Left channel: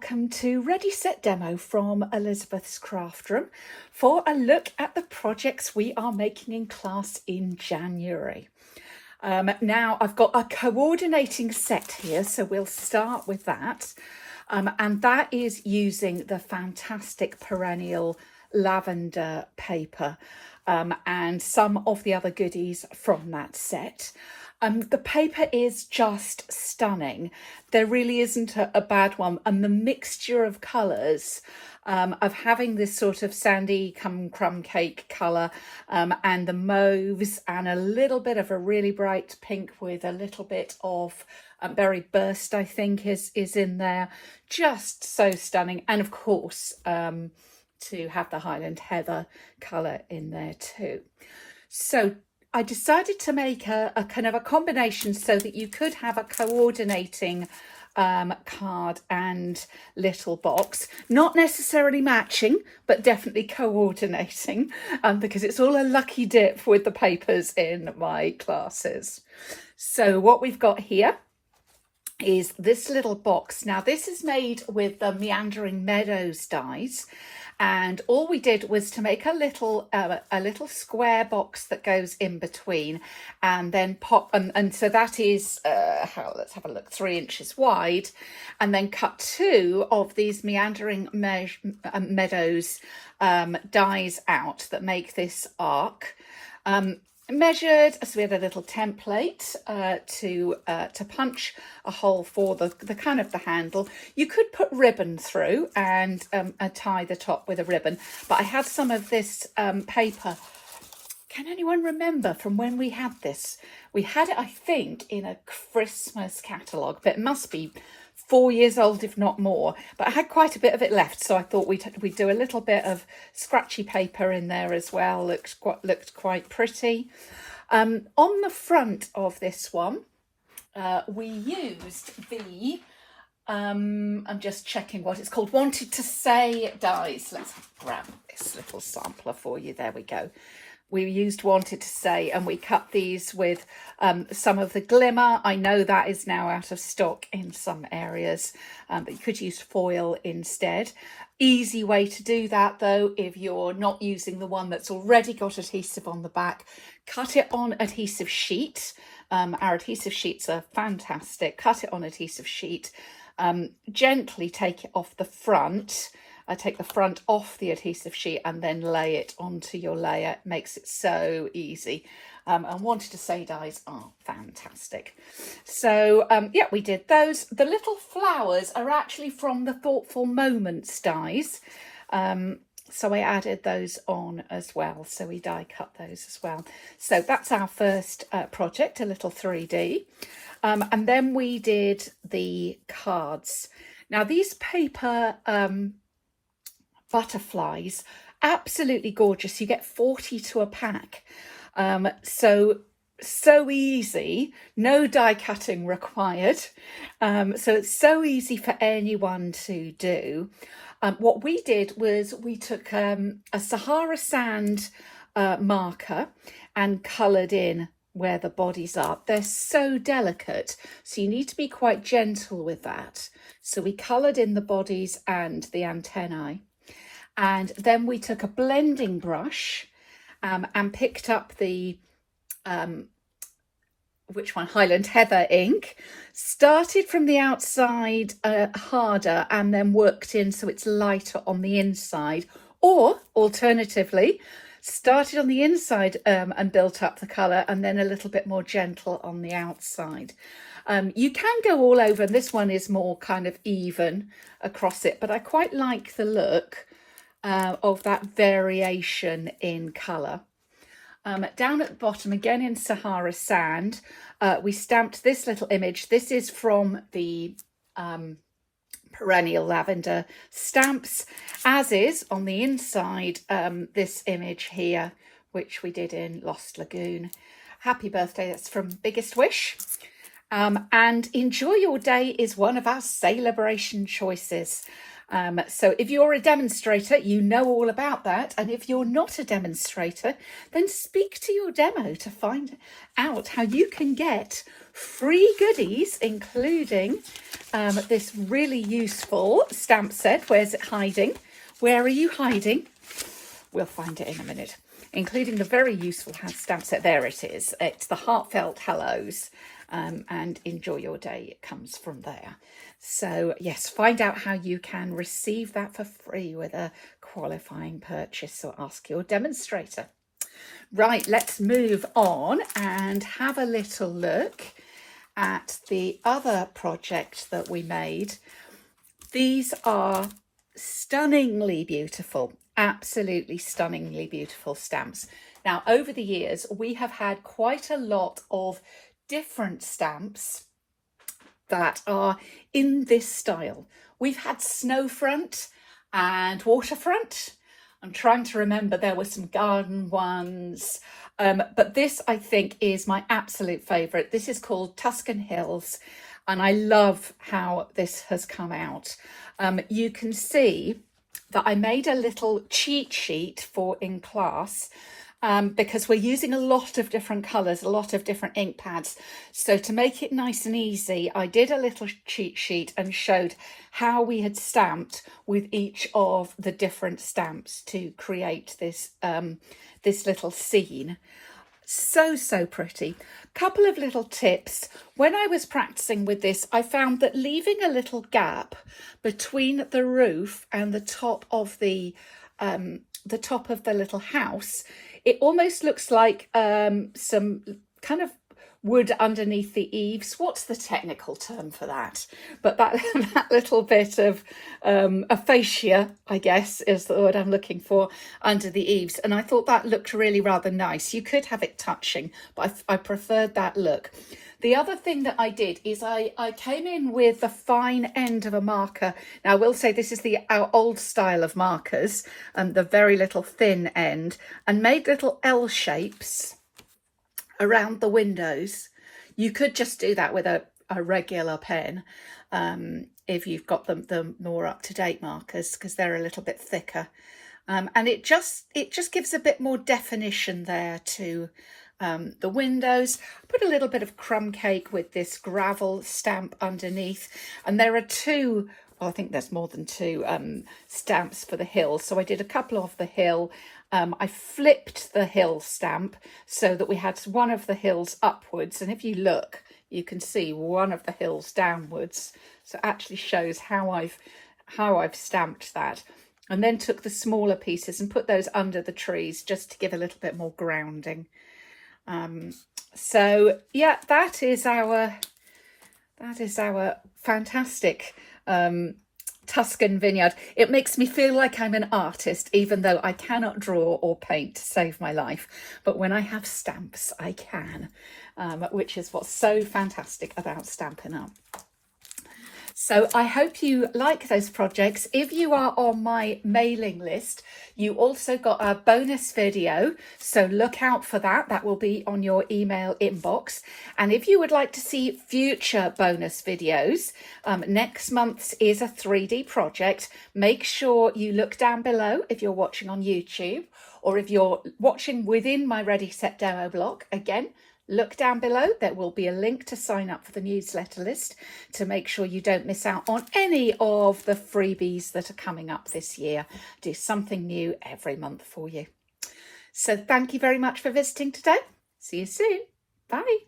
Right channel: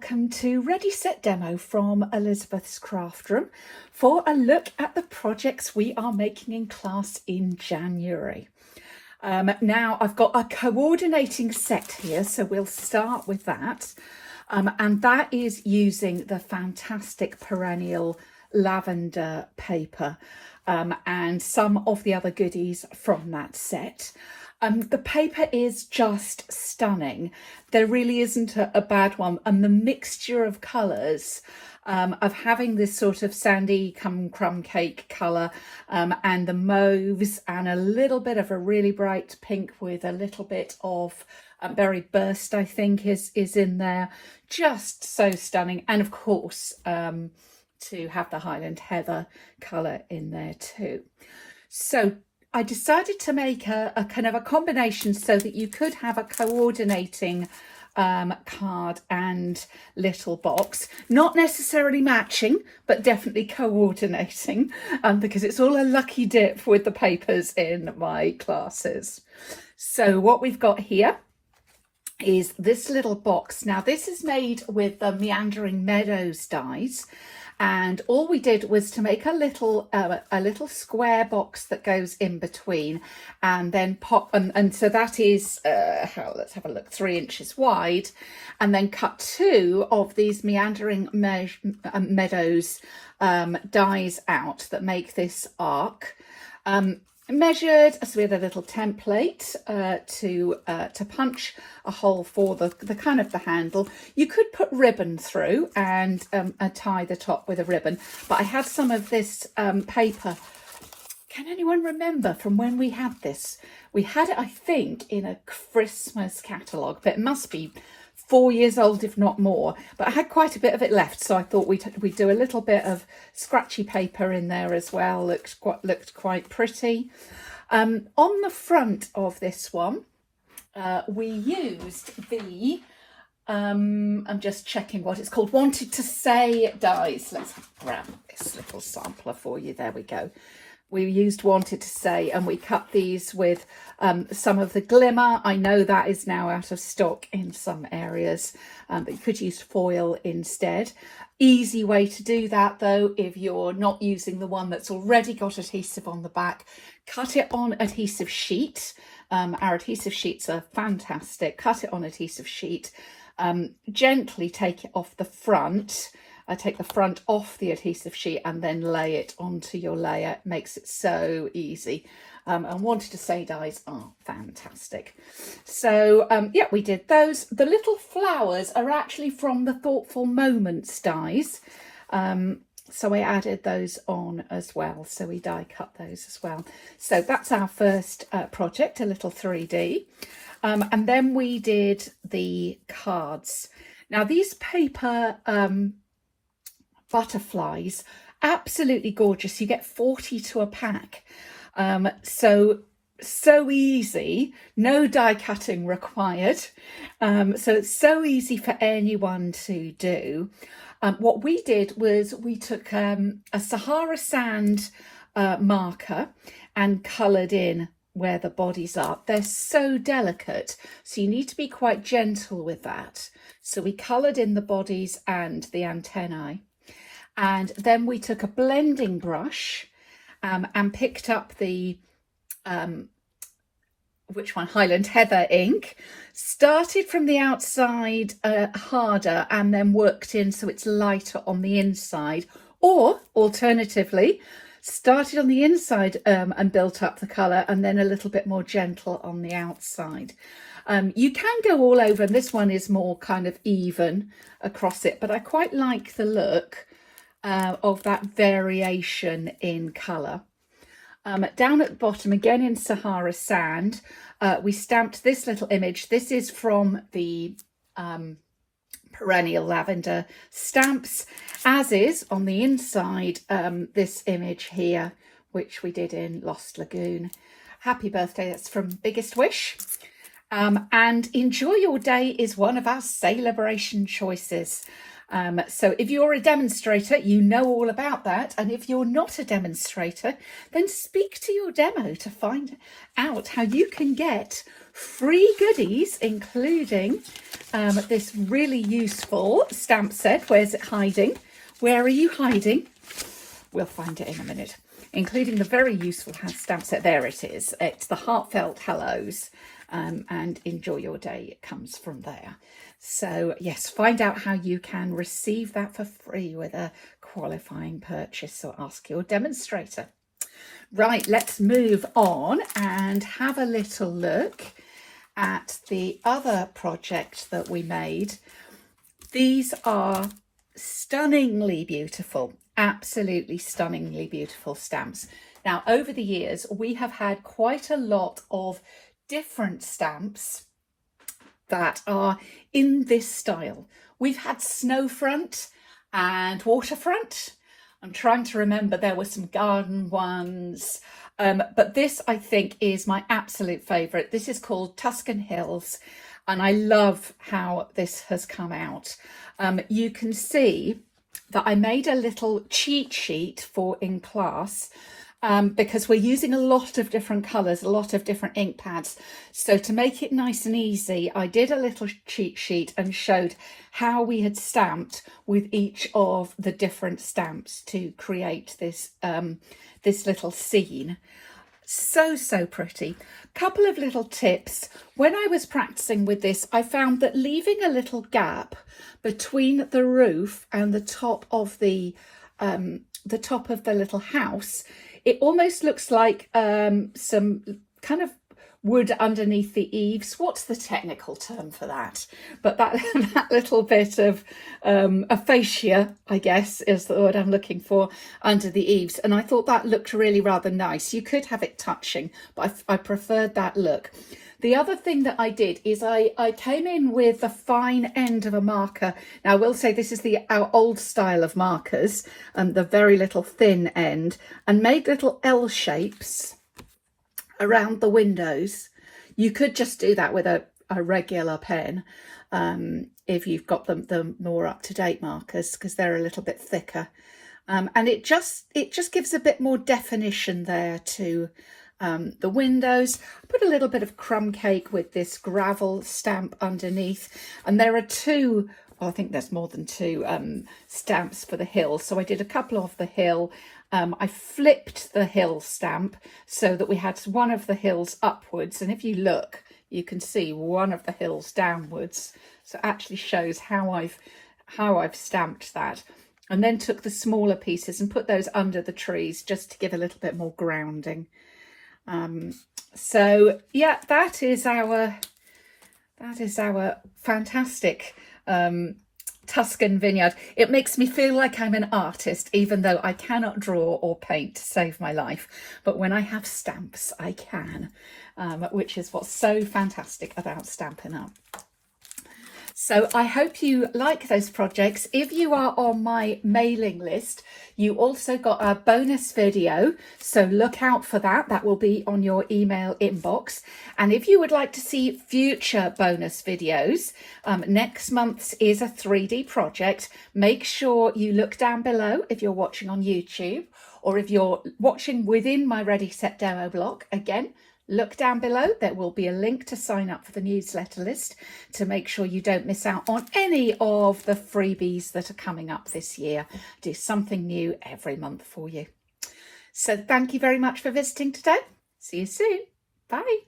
welcome to Ready Set Demo from Elizabeth's Craft Room for a look at the projects we are making in class in January. Now I've got a coordinating set here, so we'll start with that. And that is using the fantastic Perennial Lavendar paper and some of the other goodies from that set. The paper is just stunning. There really isn't a bad one, and the mixture of colours of having this sort of sandy crumb cake colour and the mauves and a little bit of a really bright pink with a little bit of berry burst, I think is in there. Just so stunning. And of course to have the Highland Heather colour in there too. So I decided to make a kind of a combination so that you could have a coordinating card and little box, not necessarily matching, but definitely coordinating, because it's all a lucky dip with the papers in my classes. So what we've got here is this little box. Now this is made with the Meandering Meadows dies, and all we did was to make a little square box that goes in between, and then pop and so that is let's have a look, 3 inches wide, and then cut 2 of these Meandering Meadows dies out that make this arc. Measured, so we had a little template to punch a hole for the kind of the handle. You could put ribbon through and tie the top with a ribbon, but I had some of this paper. Can anyone remember from when we had this? We had it, I think, in a Christmas catalogue, but it must be 4 years old, if not more. But I had quite a bit of it left, so I thought we'd do a little bit of scratchy paper in there as well. Looked quite pretty. On the front of this one, we used the I'm just checking what it's called, Wanted to Say dies. Let's grab this little sampler for you. There we go. We used Wanted to Say, and we cut these with some of the glimmer. I know that is now out of stock in some areas, but you could use foil instead. Easy way to do that though, if you're not using the one that's already got adhesive on the back, cut it on adhesive sheet. Our adhesive sheets are fantastic. Cut it on adhesive sheet. Gently take it off the front. I take the front off the adhesive sheet and then lay it onto your layer. It makes it so easy. And Wanted to Say dies are fantastic. So yeah, we did those. The little flowers are actually from the Thoughtful Moments dies. So I added those on as well. So we die cut those as well. So that's our first project, a little 3D. And then we did the cards. Now these paper butterflies, absolutely gorgeous. You get 40 to a pack. So easy, no die cutting required. So it's so easy for anyone to do. What we did was we took a Sahara sand marker and coloured in where the bodies are. They're so delicate, so you need to be quite gentle with that. So we coloured in the bodies and the antennae. And then we took a blending brush and picked up the, Highland Heather ink, started from the outside harder and then worked in so it's lighter on the inside. Or alternatively, started on the inside and built up the colour and then a little bit more gentle on the outside. You can go all over, and this one is more kind of even across it, but I quite like the look of that variation in colour. Down at the bottom, again in Sahara sand, we stamped this little image. This is from the Perennial Lavendar stamps, as is on the inside this image here, which we did in Lost Lagoon. Happy birthday, that's from Biggest Wish. And Enjoy Your Day is one of our Sale-A-Bration choices. So if you're a demonstrator, you know all about that. And if you're not a demonstrator, then speak to your demo to find out how you can get free goodies, including this really useful stamp set. Where's it hiding? Where are you hiding? We'll find it in a minute. Including the very useful stamp set. There it is. It's the Heartfelt Hellos, and Enjoy Your Day. It comes from there. So yes, find out how you can receive that for free with a qualifying purchase, or ask your demonstrator. Right, let's move on and have a little look at the other project that we made. These are stunningly beautiful, absolutely stunningly beautiful stamps. Now, over the years, we have had quite a lot of different stamps that are in this style. We've had snowfront and waterfront. I'm trying to remember, there were some garden ones, but this I think is my absolute favourite. This is called Tuscan Hills, and I love how this has come out. You can see that I made a little cheat sheet for in class, because we're using a lot of different colours, a lot of different ink pads. So to make it nice and easy, I did a little cheat sheet and showed how we had stamped with each of the different stamps to create this, this little scene. So pretty. Couple of little tips. When I was practicing with this, I found that leaving a little gap between the roof and the top of the little house, it almost looks like some kind of wood underneath the eaves. What's the technical term for that? But that, that little bit of aphasia, I guess, is the word I'm looking for, under the eaves. And I thought that looked really rather nice. You could have it touching, but I preferred that look. The other thing that I did is I came in with the fine end of a marker. Now, I will say this is our old style of markers, and the very little thin end, and made little L shapes around the windows. You could just do that with a regular pen, if you've got the more up-to-date markers, because they're a little bit thicker. And it just gives a bit more definition there to the windows. I put a little bit of crumb cake with this gravel stamp underneath, and there are two, well, I think there's more than two stamps for the hill, so I did a couple of the hill. I flipped the hill stamp so that we had one of the hills upwards, and if you look, you can see one of the hills downwards, so it actually shows how I've stamped that. And then took the smaller pieces and put those under the trees just to give a little bit more grounding. So yeah, that is our fantastic Tuscan vineyard. It makes me feel like I'm an artist, even though I cannot draw or paint to save my life. But when I have stamps, I can, which is what's so fantastic about Stampin' Up. So I hope you like those projects. If you are on my mailing list, you also got a bonus video, so look out for that. That will be on your email inbox. And if you would like to see future bonus videos, next month's is a 3D project. Make sure you look down below if you're watching on YouTube, or if you're watching within my Ready Set Demo blog. Again, look down below. There will be a link to sign up for the newsletter list to make sure you don't miss out on any of the freebies that are coming up this year. Do something new every month for you. So thank you very much for visiting today. See you soon. Bye.